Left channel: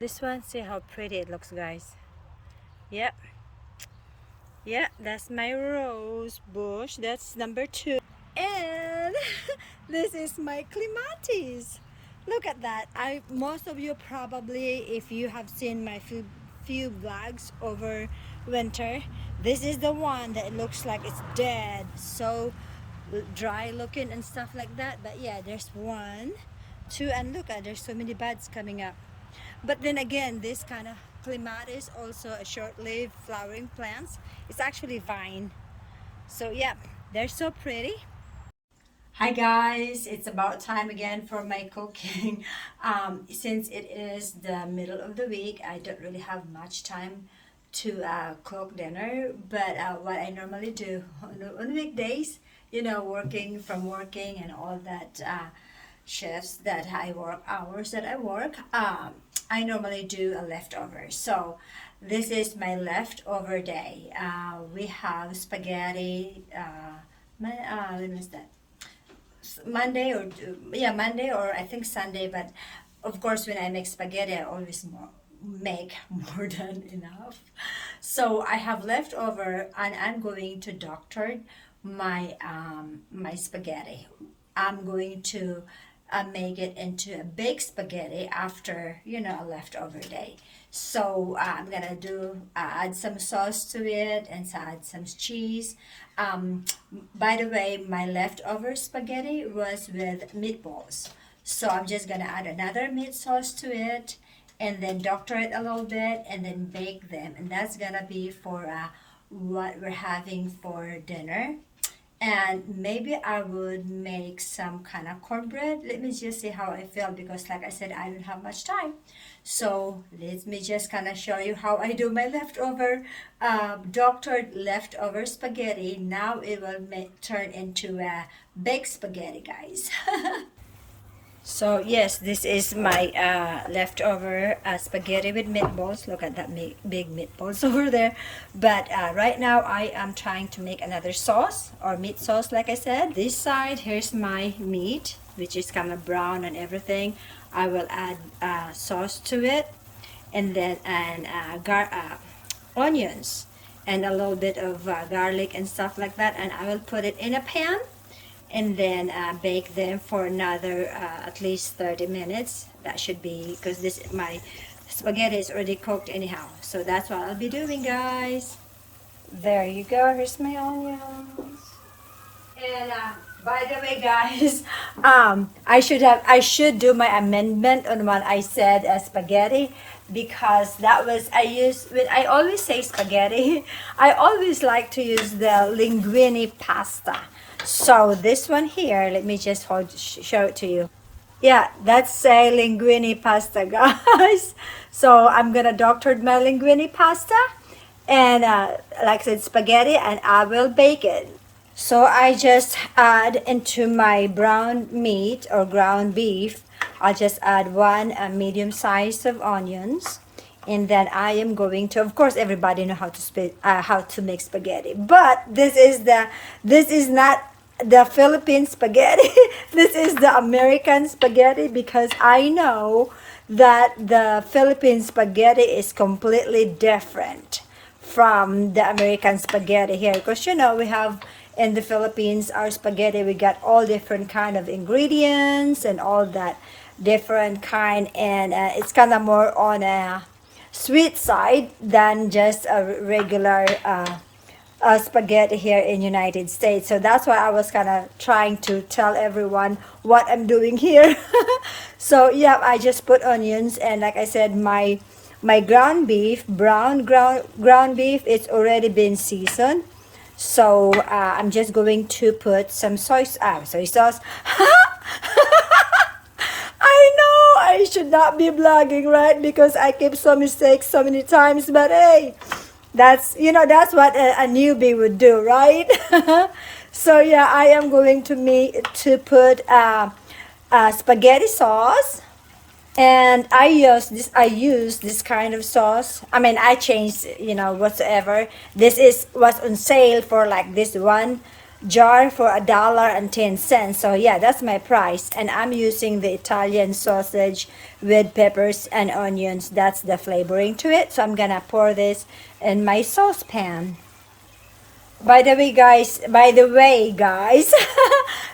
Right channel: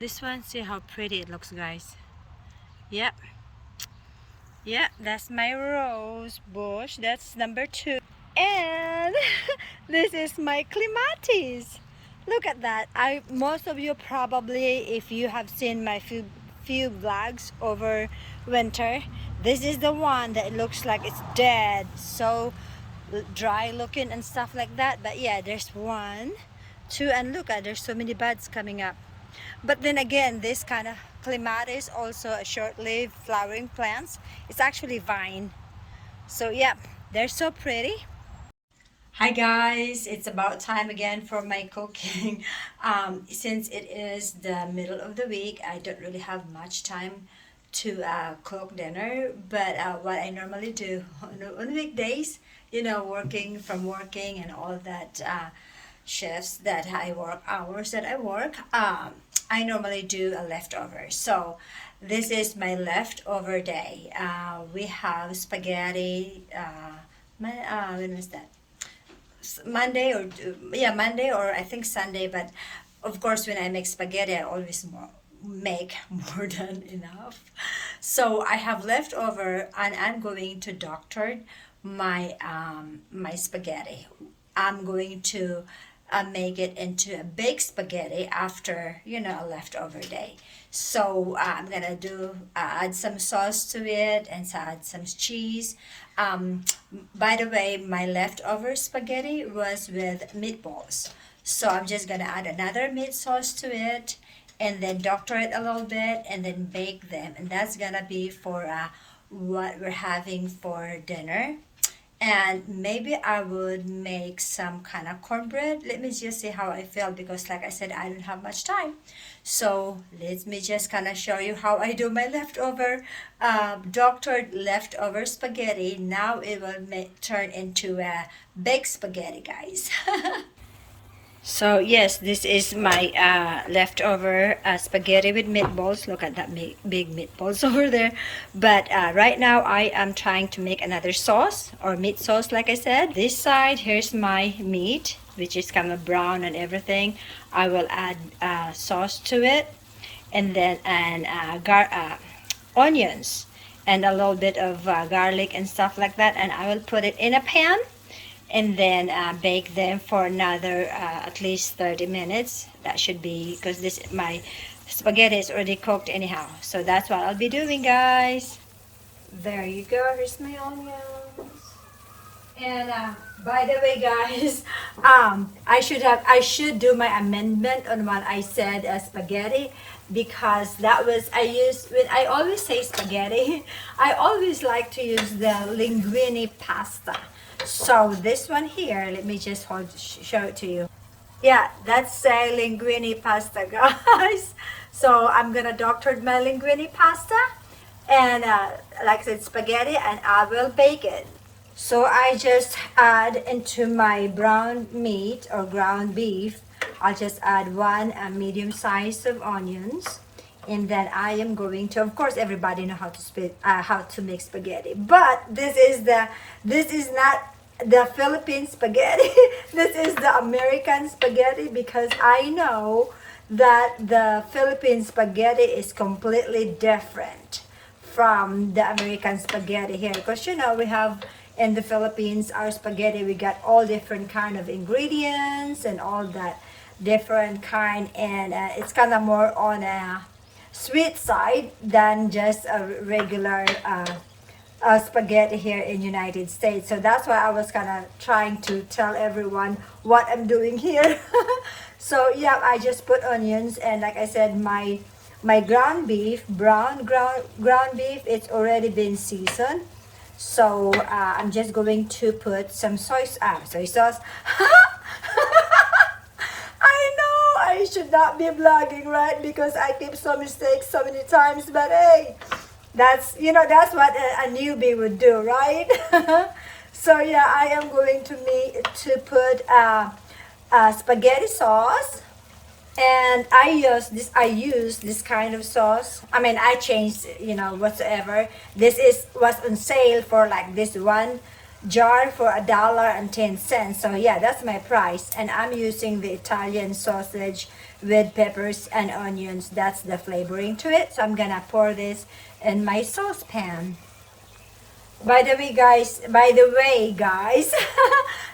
This one, see how pretty it looks, guys. Yep. Yeah, that's my rose bush. That's number 2. And this is my clematis. Look at that. Most of you probably, if you have seen my few vlogs over winter, this is the one that looks like it's dead, so dry looking and stuff like that. But yeah, there's 1, 2, and look at, there's so many buds coming up. But then again, this kind of clematis also a short-lived flowering plants. It's actually vine. So yeah, they're so pretty. Hi guys, it's about time again for my cooking. Since it is the middle of the week, I don't really have much time to cook dinner. But what I normally do on weekdays, working and all that shifts that I work, hours that I work, I normally do a leftover. So this is my leftover day. We have spaghetti. When was that? Monday or yeah, Monday or I think Sunday. But of course, when I make spaghetti, I always make more than enough. So I have leftover, and I'm going to doctor my spaghetti. I'm going to make it into a baked spaghetti after a leftover day. So I'm gonna do add some sauce to it and add some cheese. Um, by the way, my leftover spaghetti was with meatballs. So I'm just gonna add another meat sauce to it and then doctor it a little bit and then bake them. And that's gonna be for what we're having for dinner. And maybe I would make some kind of cornbread. Let me just see how I feel, because like I said, I don't have much time. So let me just kind of show you how I do my leftover doctored leftover spaghetti. Now it will turn into a baked spaghetti, guys. So yes, this is my leftover spaghetti with meatballs. Look at that big meatballs over there. But right now I am trying to make another sauce or meat sauce, like I said. This side, here's my meat, which is kind of brown and everything. I will add sauce to it, and then onions and a little bit of garlic and stuff like that. And I will put it in a pan and then bake them for another at least 30 minutes. That should be, because this my spaghetti is already cooked anyhow. So that's what I'll be doing, guys. There you go. Here's my onions. And by the way, guys, I should do my amendment on what I said as spaghetti, because that was I always say spaghetti. I always like to use the linguine pasta. So this one here, let me just show it to you. Yeah, that's a linguine pasta, guys. So I'm gonna doctor my linguine pasta and like I said, spaghetti, and I will bake it. So I just add into my brown meat or ground beef, I'll just add 1 medium size of onions. And then I am going to, of course, everybody know how to make spaghetti. But this is not the Philippine spaghetti. This is the American spaghetti, because I know that the Philippine spaghetti is completely different from the American spaghetti here. Because we have in the Philippines, our spaghetti, we got all different kind of ingredients and all that different kind, and it's kind of more on a sweet side than just a regular spaghetti here in United States. So that's why I was kind of trying to tell everyone what I'm doing here. So yeah, I just put onions, and like I said, my ground beef, ground beef, it's already been seasoned. So I'm just going to put some soy sauce. I know I should not be blogging, right? Because I keep so mistakes so many times. But hey, that's what a newbie would do, right? So yeah, I am going to put spaghetti sauce. And I use this kind of sauce. I mean, I changed, whatsoever. Was on sale for like this one jar for $1.10. So yeah, that's my price. And I'm using the Italian sausage with peppers and onions. That's the flavoring to it. So I'm gonna pour this in my saucepan. By the way, guys,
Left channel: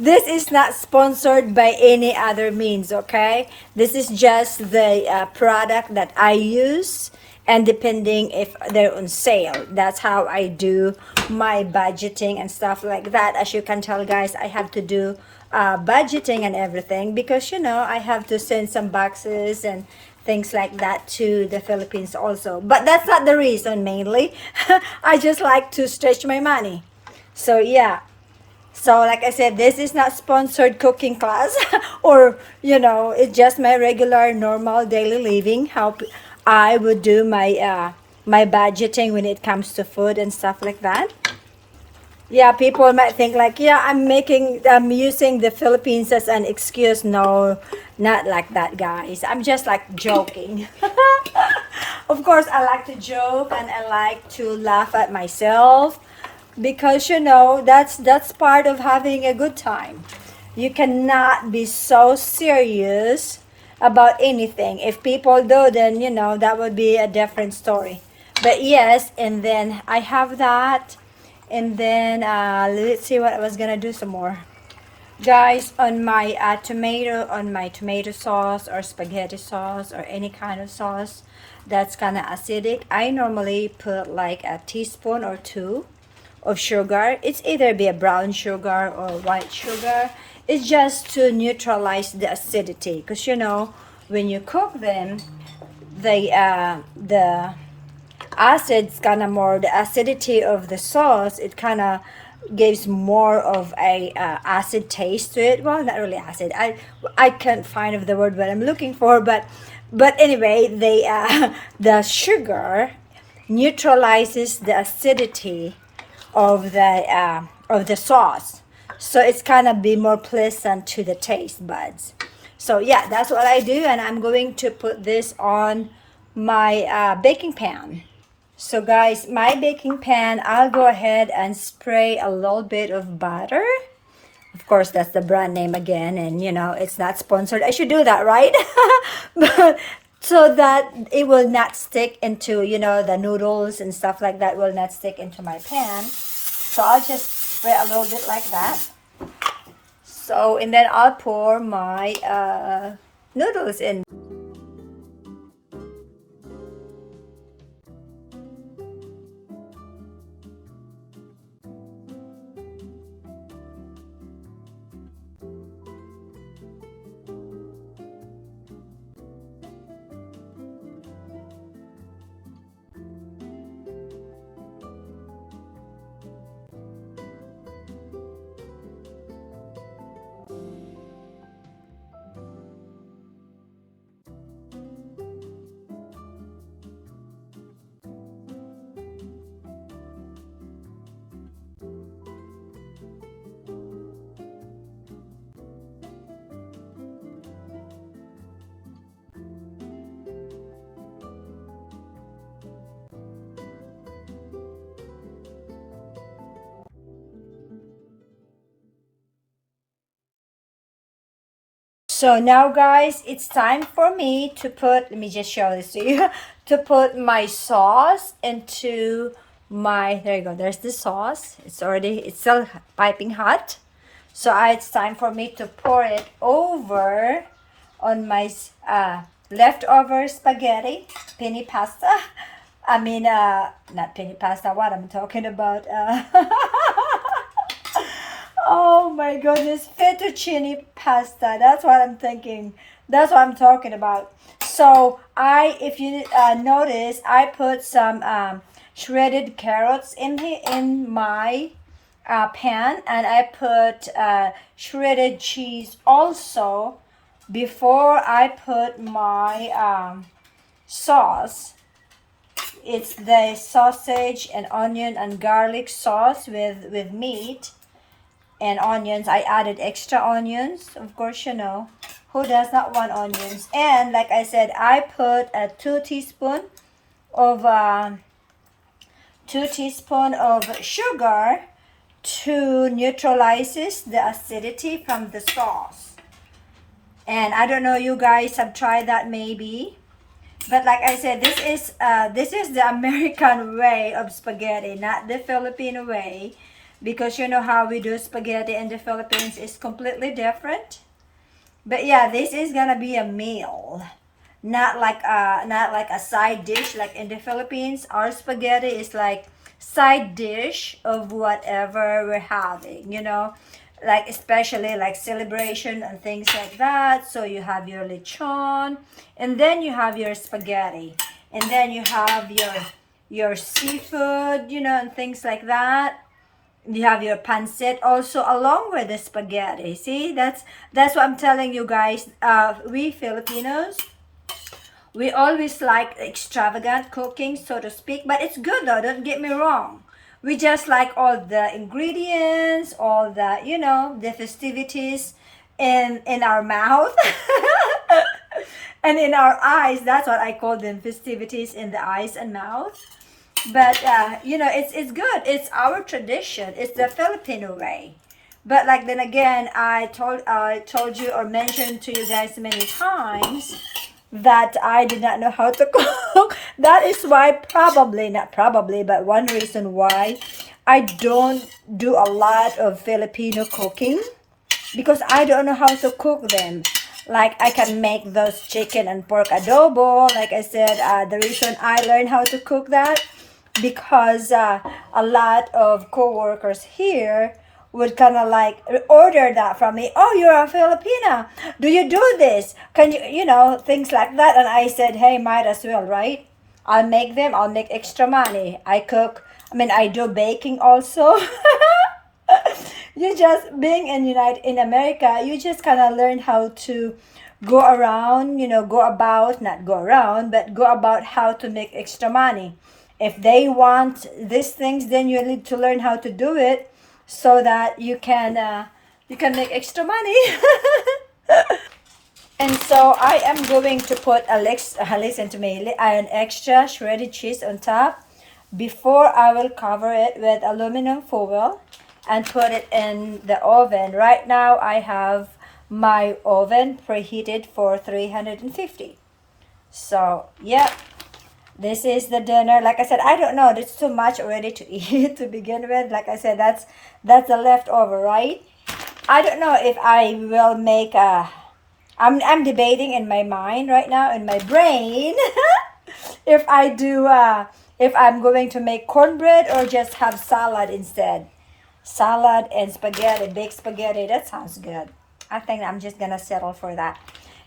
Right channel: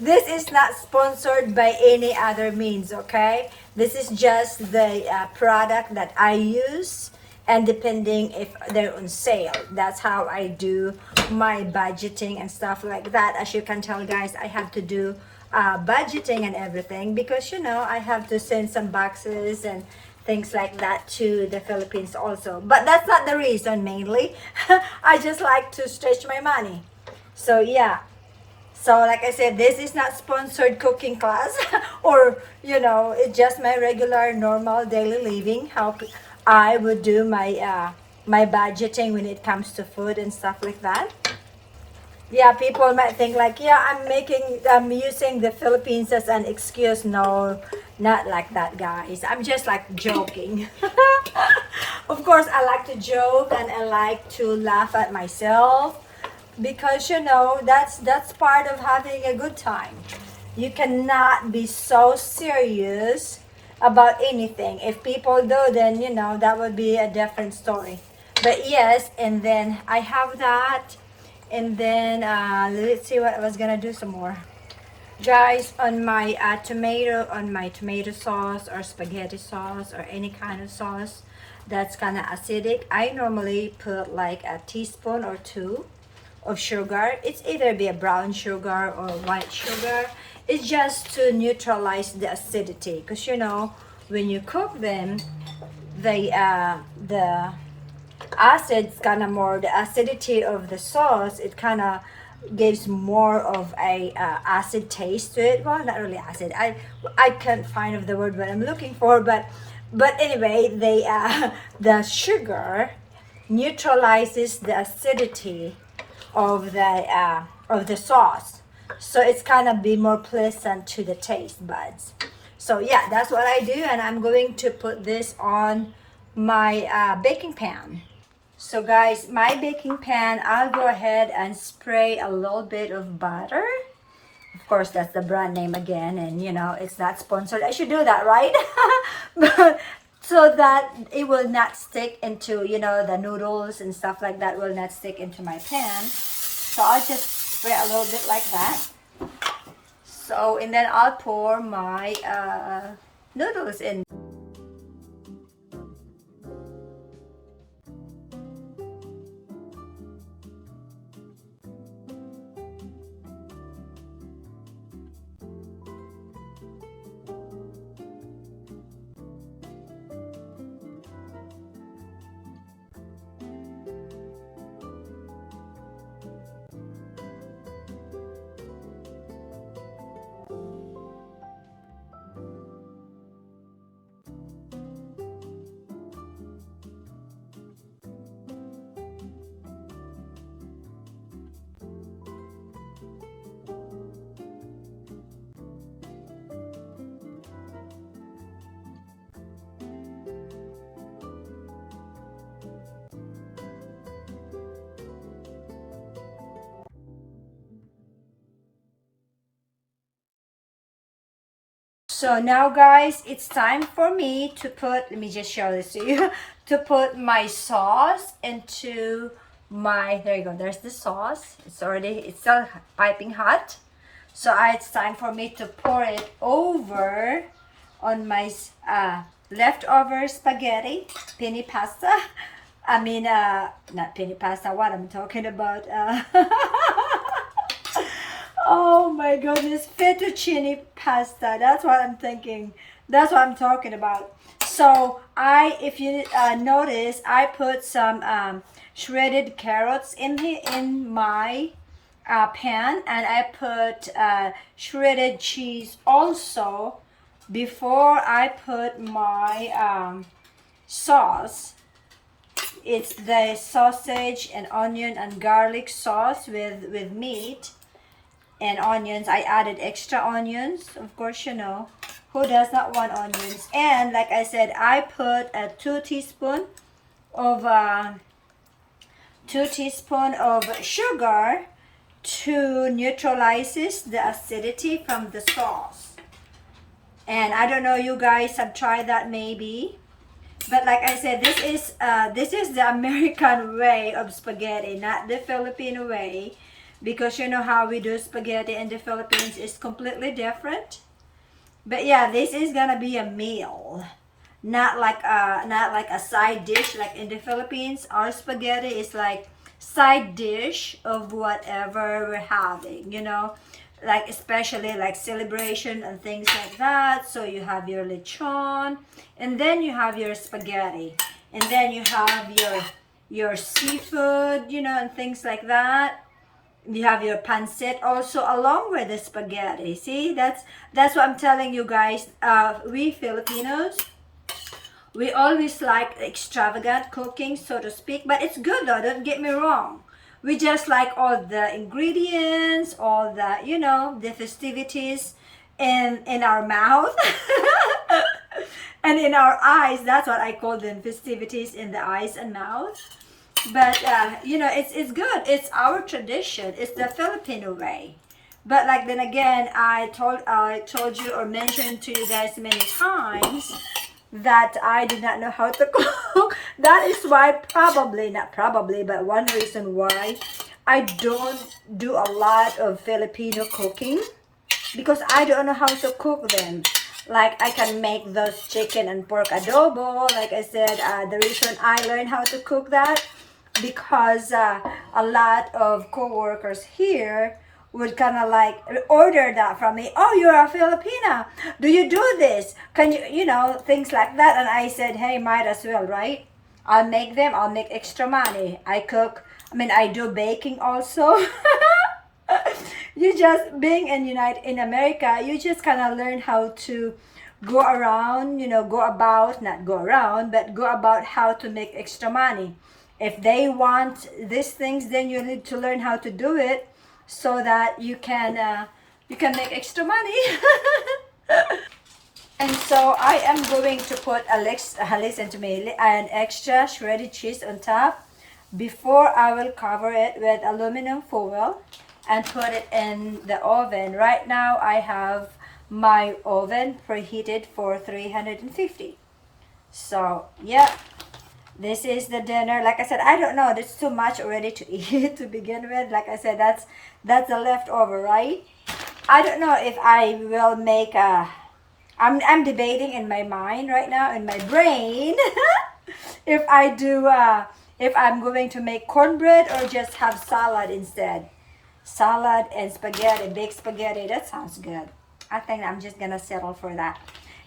this is not sponsored by any other means, okay? This is just the product that I use, and depending if they're on sale, that's how I do my budgeting and stuff like that. As you can tell, guys, I have to do budgeting and everything because, you know, I have to send some boxes and things like that to the Philippines also. But that's not the reason mainly. I just like to stretch my money. So yeah. So like I said, this is not sponsored cooking class or, you know, it's just my regular normal daily living, how I would do my budgeting when it comes to food and stuff like that. Yeah, people might think like, yeah, I'm using the Philippines as an excuse. No, not like that, guys. I'm just like joking. Of course, I like to joke and I like to laugh at myself because, you know, that's part of having a good time. You cannot be so serious about anything. If people do, then, you know, that would be a different story. But yes, and then I have that, and then let's see what I was gonna do some more, guys. On my tomato sauce or spaghetti sauce or any kind of sauce that's kind of acidic, I normally put like a teaspoon or two of sugar. It's either be a brown sugar or white sugar. It's just to neutralize the acidity, because, you know, when you cook them, the acid's kind of more, the acidity of the sauce, it kind of gives more of a acid taste to it. Well, not really acid, I can't find of the word what I'm looking for, but anyway, the sugar neutralizes the acidity of the sauce, so it's kind of be more pleasant to the taste buds. So yeah, that's what I do, and I'm going to put this on my baking pan. So guys, my baking pan, I'll go ahead and spray a little bit of butter. Of course, that's the brand name again, and you know, it's not sponsored. I should do that, right? But so that it will not stick into, you know, the noodles and stuff like that will not stick into my pan. So I'll just spray a little bit like that. So, and then I'll pour my noodles in. So now, guys, it's time for me to put, let me just show this to you, to put my sauce into my, there you go, there's the sauce. It's still piping hot. So it's time for me to pour it over on my leftover spaghetti, penne pasta. I mean, not penne pasta, what I'm talking about. Oh my goodness, fettuccine pasta. That's what I'm thinking. That's what I'm talking about. So if you notice, I put some shredded carrots in my pan, and I put shredded cheese also before I put my sauce. It's the sausage and onion and garlic sauce with meat and onions. I added extra onions, of course, you know, who does not want onions? And like I said, I put a 2 teaspoon of sugar to neutralizes the acidity from the sauce. And I don't know, you guys have tried that maybe. But like I said, this is the American way of spaghetti, not the Filipino way. Because you know how we do spaghetti in the Philippines is completely different. But yeah, this is gonna be a meal. Not like a side dish like in the Philippines. Our spaghetti is like side dish of whatever we're having, you know, like especially like celebration and things like that. So you have your lechon, and then you have your spaghetti, and then you have your seafood, you know, and things like that. You have your pancit also along with the spaghetti. See, that's what I'm telling you guys. We Filipinos, we always like extravagant cooking, so to speak, but it's good though, don't get me wrong. We just like all the ingredients, all the, you know, the festivities in our mouth and in our eyes. That's what I call them, festivities in the eyes and mouth. But you know, it's good. It's our tradition. It's the Filipino way. But like then again, I told you or mentioned to you guys many times that I did not know how to cook. That is why probably, not probably, but one reason why I don't do a lot of Filipino cooking, because I don't know how to cook them. Like I can make those chicken and pork adobo. Like I said, the reason I learned how to cook that because a lot of co-workers here would kind of like order that from me. Oh, you're a Filipina. Do you do this? Can you, you know, things like that. And I said, hey, might as well, right? I'll make them. I'll make extra money. I cook. I mean, I do baking also. You just being in America, you just kind of learn how to go around, you know, go about, not go around, but go about how to make extra money. If they want these things, then you need to learn how to do it so that you can make extra money. And so I am going to put listen to me, an extra shredded cheese on top before I will cover it with aluminum foil and put it in the oven. Right now I have my oven preheated for 350. So yeah, this is the dinner. Like I said, I don't know, it's too much already to eat to begin with. Like I said, that's a leftover, right? I don't know if I will make a I'm debating in my mind right now, in my brain, if I do if I'm going to make cornbread or just have salad instead. Salad and spaghetti, baked spaghetti. That sounds good. I think I'm just gonna settle for that.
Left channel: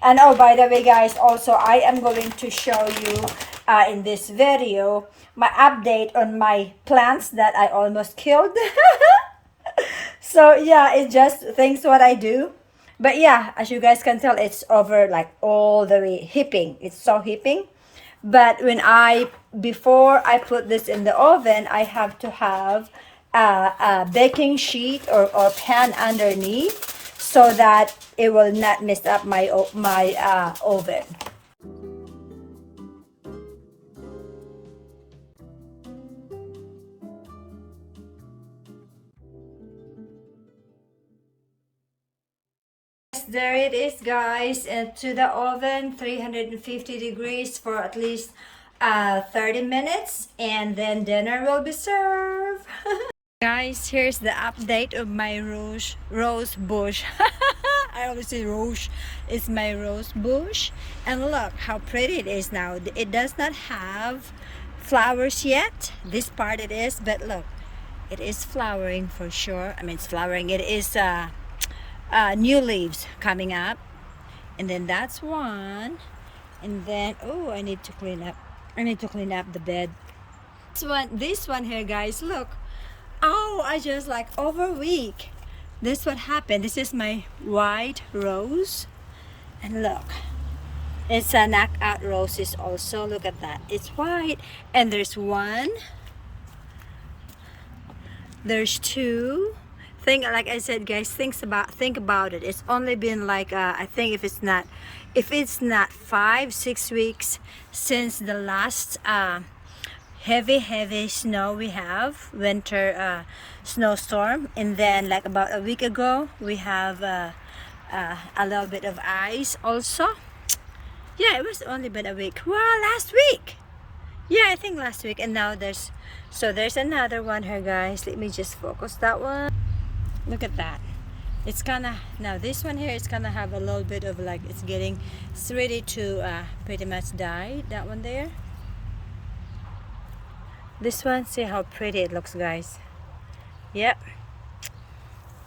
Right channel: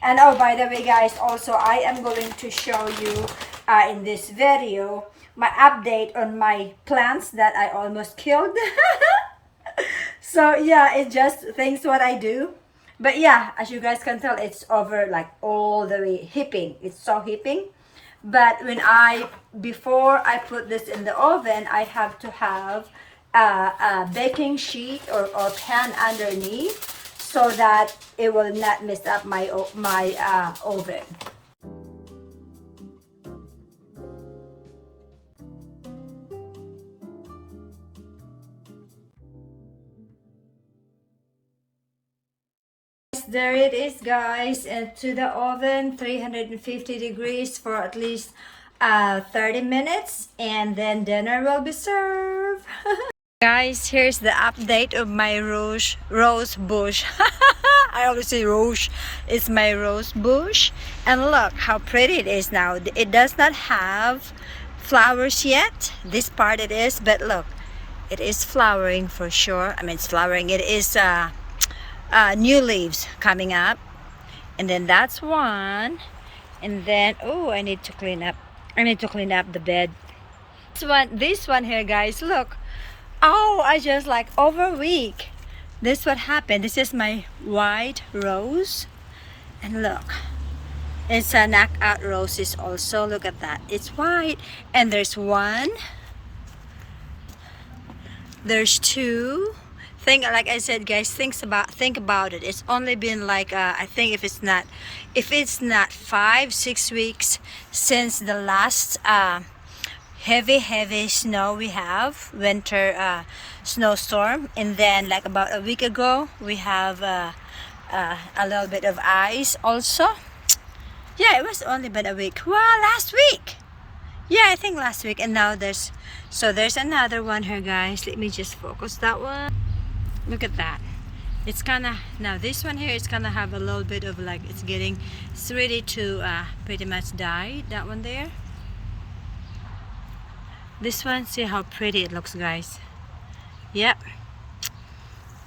And oh, by the way, guys, also I am going to show you in this video my update on my plants that I almost killed. So yeah, it just things what I do. But yeah, as you guys can tell, it's over like all the way hipping. It's so hipping. But before I put this in the oven, I have to have a baking sheet or pan underneath so that it will not mess up my oven. There it is, guys, to the oven, 350 degrees for at least 30 minutes, and then dinner will be served. Guys, here's the update of my rose bush. I always say rouge. It's my rose bush, and look how pretty it is now. It does not have flowers yet. This part it is, but look, it is flowering for sure. I mean, it's flowering. It is new leaves coming up, and then that's one. And then oh, I need to clean up the bed. This one here, guys, look. Oh, I just like over a week, this what happened. This is my white rose, and look, it's a knockout roses also. Look at that, it's white, and there's one, there's two. Like I said, guys, think about it. It's only been like I think if it's not 5-6 weeks since the last heavy snow we have, winter snowstorm. And then like about a week ago we have a little bit of ice also. Yeah, it was only about a week. Wow, last week. Yeah, I think last week. And now there's another one here, guys. Let me just focus that one. Look at that. It's kind of, now this one here is kind of have a little bit of like, it's ready to pretty much die. That one there. This one, see how pretty it looks, guys. Yep.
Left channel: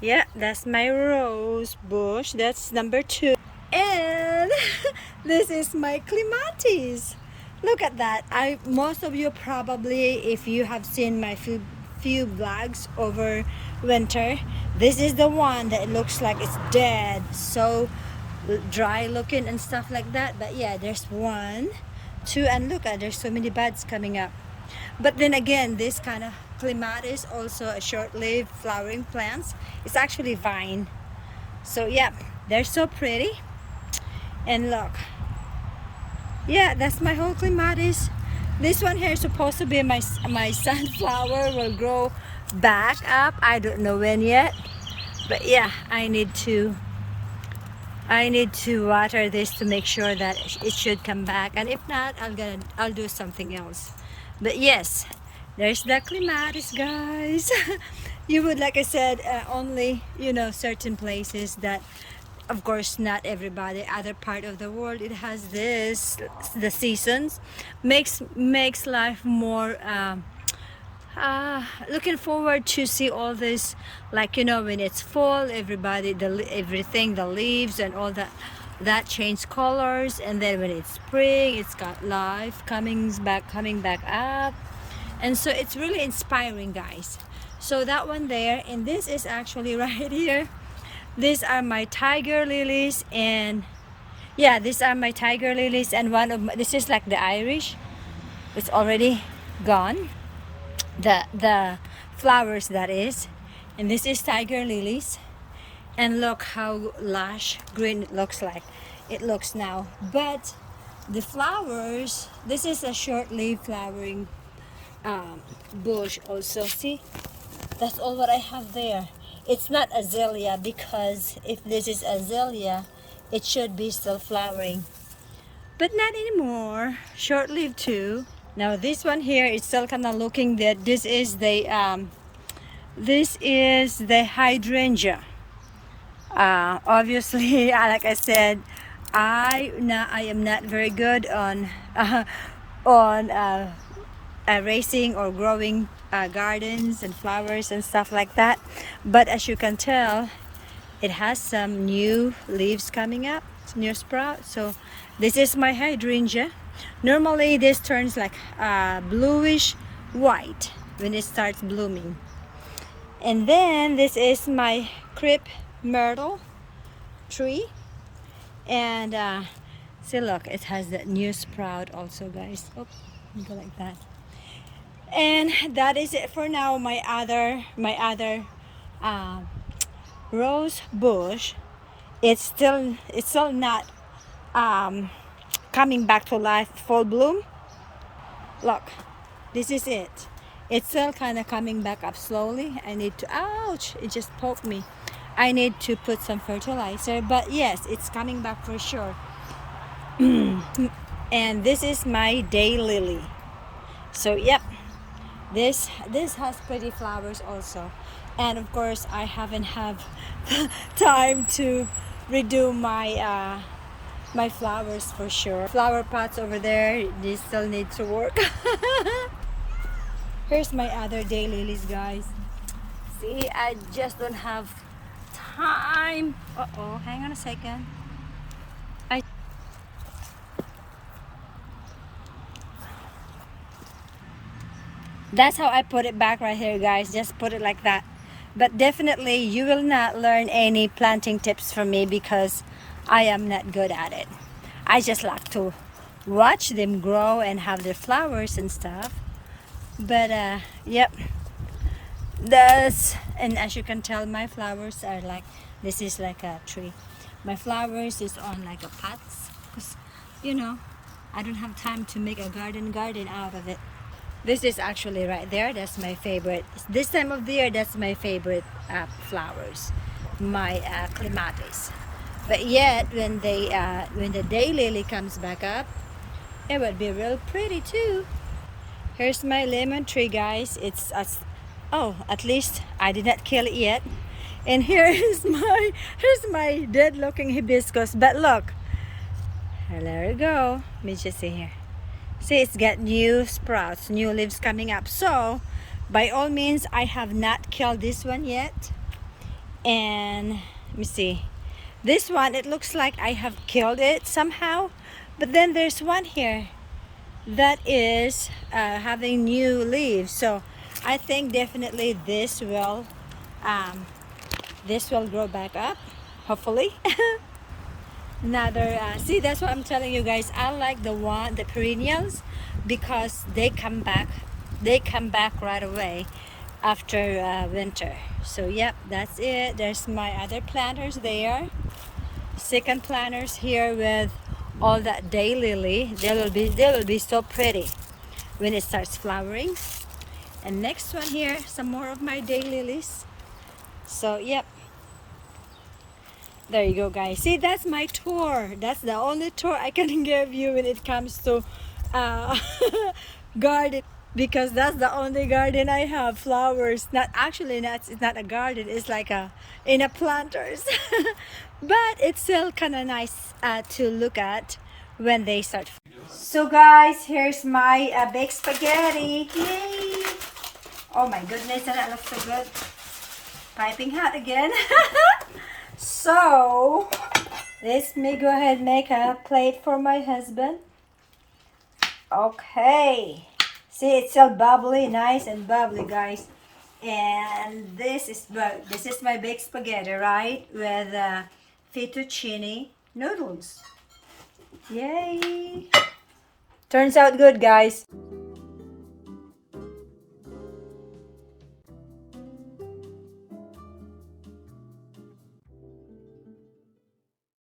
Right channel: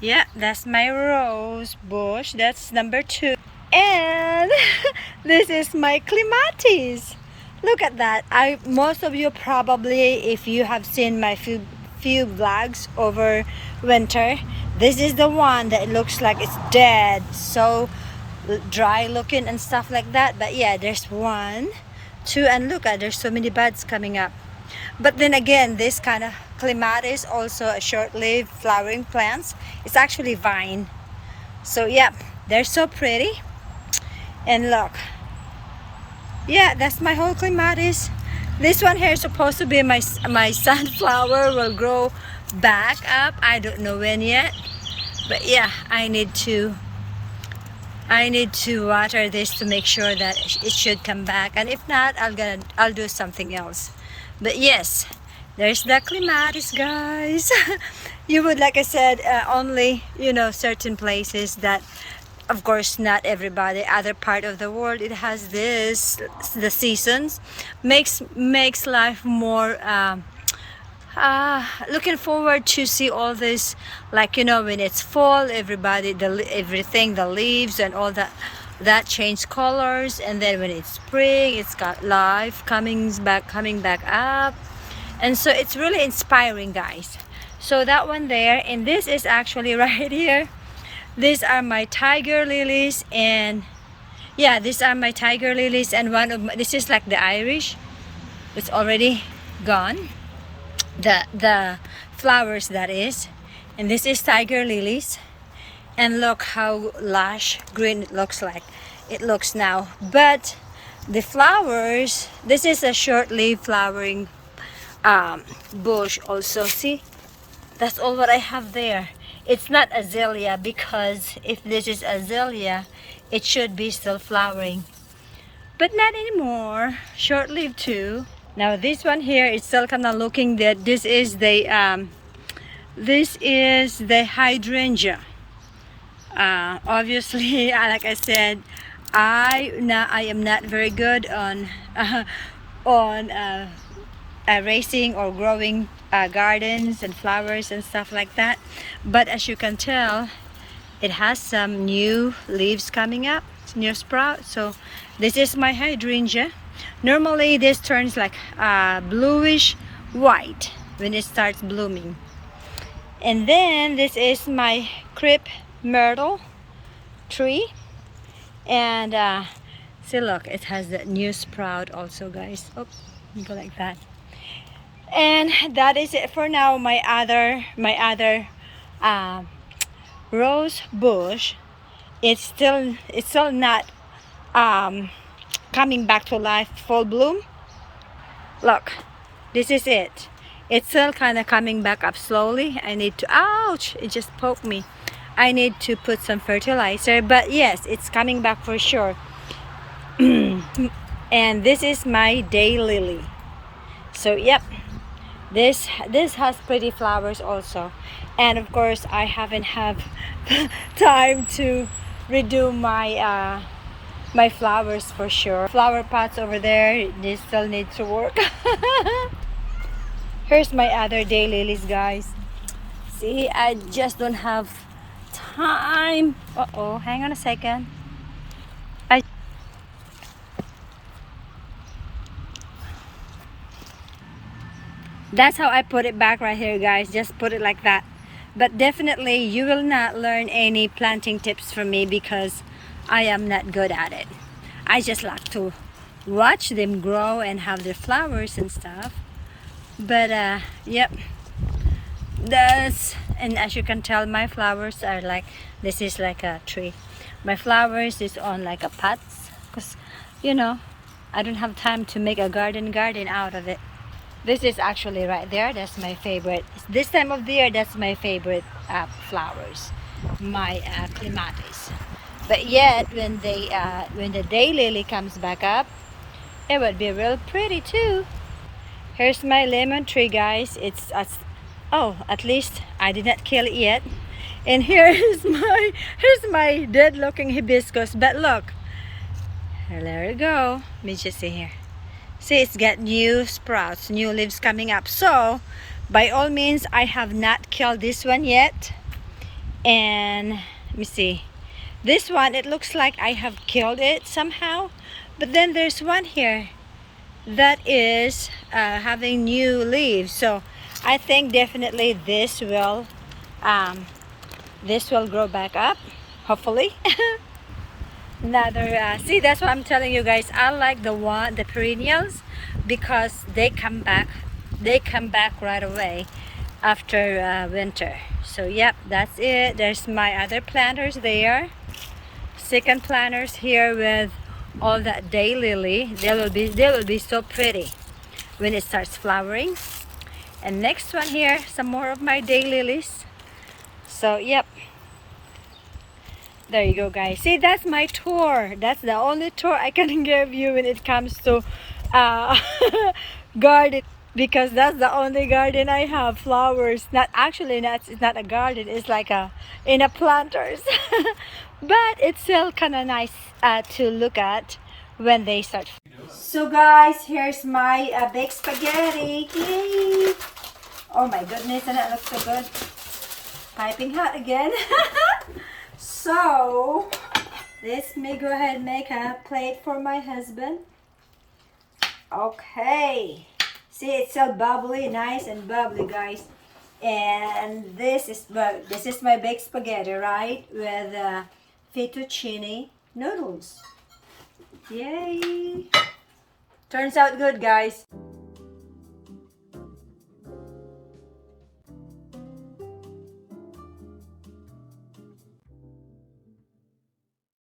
Yeah, that's my rose bush. That's number 2. And this is my clematis. Look at that. Most of you probably, if you have seen my few vlogs over winter, this is the one that looks like it's dead, so dry looking and stuff like that. But yeah, there's 1, 2, and look at, there's so many buds coming up. But then again, this kind of clematis also a short-lived flowering plants. It's actually vine. So yeah, they're so pretty. And look, yeah, that's my whole clematis. This one here is supposed to be my sunflower will grow back up. I don't know when yet, but yeah, I need to water this to make sure that it should come back. And if not, I'll do something else. But yes, there's the clematis, guys. You would, like I said, only, you know, certain places that, of course, not everybody. Other part of the world, it has this. The seasons makes life more. Looking forward to see all this, like, you know, when it's fall, everything, the leaves and all that change colors, and then when it's spring, it's got life coming back up, and so it's really inspiring, guys. So that one there, and this is actually right here. These are my tiger lilies, and yeah, these are my tiger lilies, and this is like the Irish. It's already gone, the flowers that is, and this is tiger lilies. And look how lush green it looks like. It looks now. But the flowers, this is a short-lived flowering bush also. See, that's all what I have there. It's not azalea, because if this is azalea, it should be still flowering. But not anymore. Short-lived too. Now this one here is still kind of looking that this is the hydrangea. Obviously, like I said, I am not very good on raising or growing gardens and flowers and stuff like that. But as you can tell, it has some new leaves coming up, new sprouts. So this is my hydrangea. Normally this turns like bluish white when it starts blooming. And then this is my crepe myrtle tree, and see, look, it has that new sprout also, guys. Oh, go like that. And that is it for now. My other rose bush, it's still not coming back to life, full bloom. Look, this is it. It's still kind of coming back up slowly. I need to, ouch, it just poked me. I need to put some fertilizer, but yes, it's coming back for sure. And this is my daylily. So yep, this has pretty flowers also. And of course, I haven't have time to redo my my flowers for sure. Flower pots over there, they still need to work. Here's my other daylilies, guys. See, I just don't have time. Uh-oh, hang on a second. That's how I put it back right here, guys. Just put it like that. But definitely you will not learn any planting tips from me, because I am not good at it. I just like to watch them grow and have their flowers and stuff. But yep, and as you can tell, my flowers are like, this is like a tree. My flowers is on like a pots, because you know, I don't have time to make a garden out of it. This is actually right there, that's my favorite. This time of the year, that's my favorite flowers, my clematis. But yet, when the daylily comes back up, it would be real pretty too. Here's my lemon tree, guys. Oh, at least I did not kill it yet. And here's my dead-looking hibiscus. But look, there we go. Let me just see here. See, it's got new sprouts, new leaves coming up. So, by all means, I have not killed this one yet. And let me see. This one, it looks like I have killed it somehow. But then there's one here that is having new leaves. So, I think definitely this will grow back up, hopefully. Another see, that's what I'm telling you guys. I like the perennials because they come back right away after winter. So yep, that's it. There's my other planters there, second planters here with all that daylily. They will be so pretty when it starts flowering. And next one here, some more of my daylilies. So yep, there you go, guys. See, that's my tour. That's the only tour I can give you when it comes to uh, garden, because that's the only garden I have. Flowers. Not actually, it's not a garden. It's like in a planters, but it's still kind of nice to look at when they start. So, guys, here's my baked spaghetti. Yay! Oh my goodness, and that looks so good. Piping hot again. So, let me go ahead and make a plate for my husband. Okay. See, it's so bubbly, nice and bubbly, guys. And this is my baked spaghetti, right? With fettuccine noodles. Yay! Turns out good, guys.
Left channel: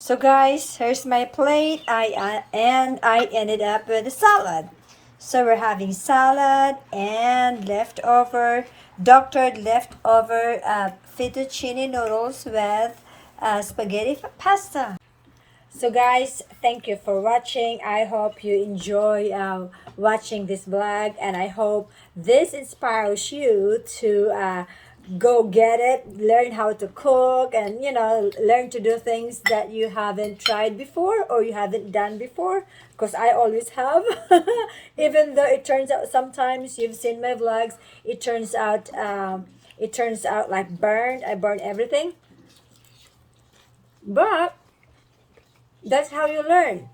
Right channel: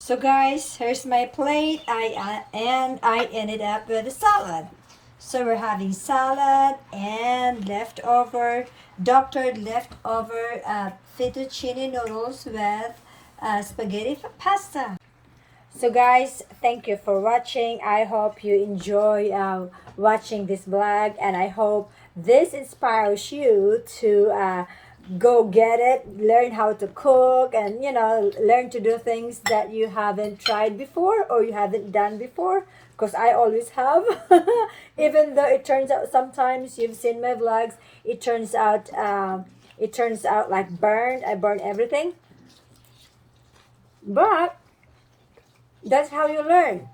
So guys, here's my plate. I ended up with a salad. So we're having salad and doctored leftover fettuccine noodles with spaghetti pasta. So guys, thank you for watching. I hope you enjoy watching this vlog, and I hope this inspires you to go get it, learn how to cook, and learn to do things that you haven't tried before or you haven't done before, because I always have. Even though it turns out sometimes you've seen my vlogs, it turns out like burned. I burn everything, but that's how you learn.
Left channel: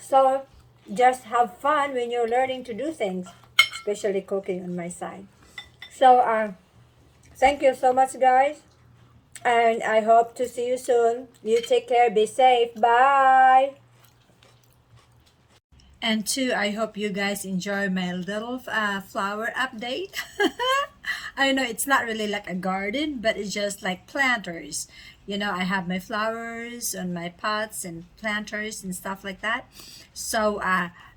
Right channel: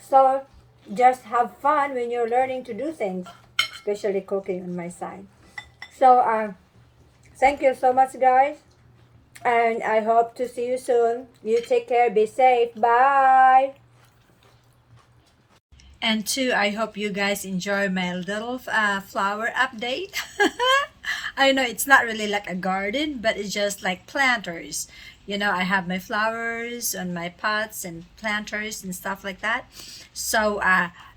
So just have fun when you're learning to do things, especially cooking on my side. So thank you so much, guys, and I hope to see you soon. You take care, be safe, bye. And two, I hope you guys enjoy my little flower update. I know it's not really like a garden, but it's just like planters. I have my flowers on my pots and planters and stuff like that. So,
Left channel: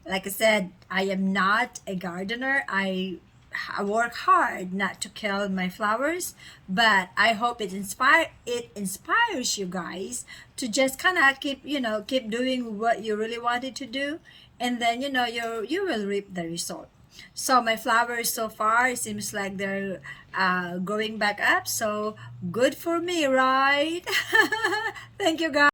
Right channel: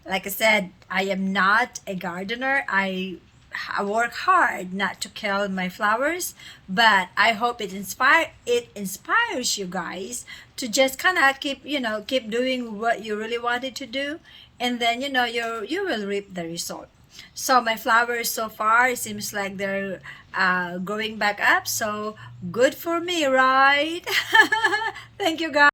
like I said, I am not a gardener. I work hard not to kill my flowers, but I hope it inspires you guys to just kind of keep doing what you really wanted to do, and then you will reap the result. So my flowers so far, it seems like they're growing back up, so good for me, right? Thank you, guys.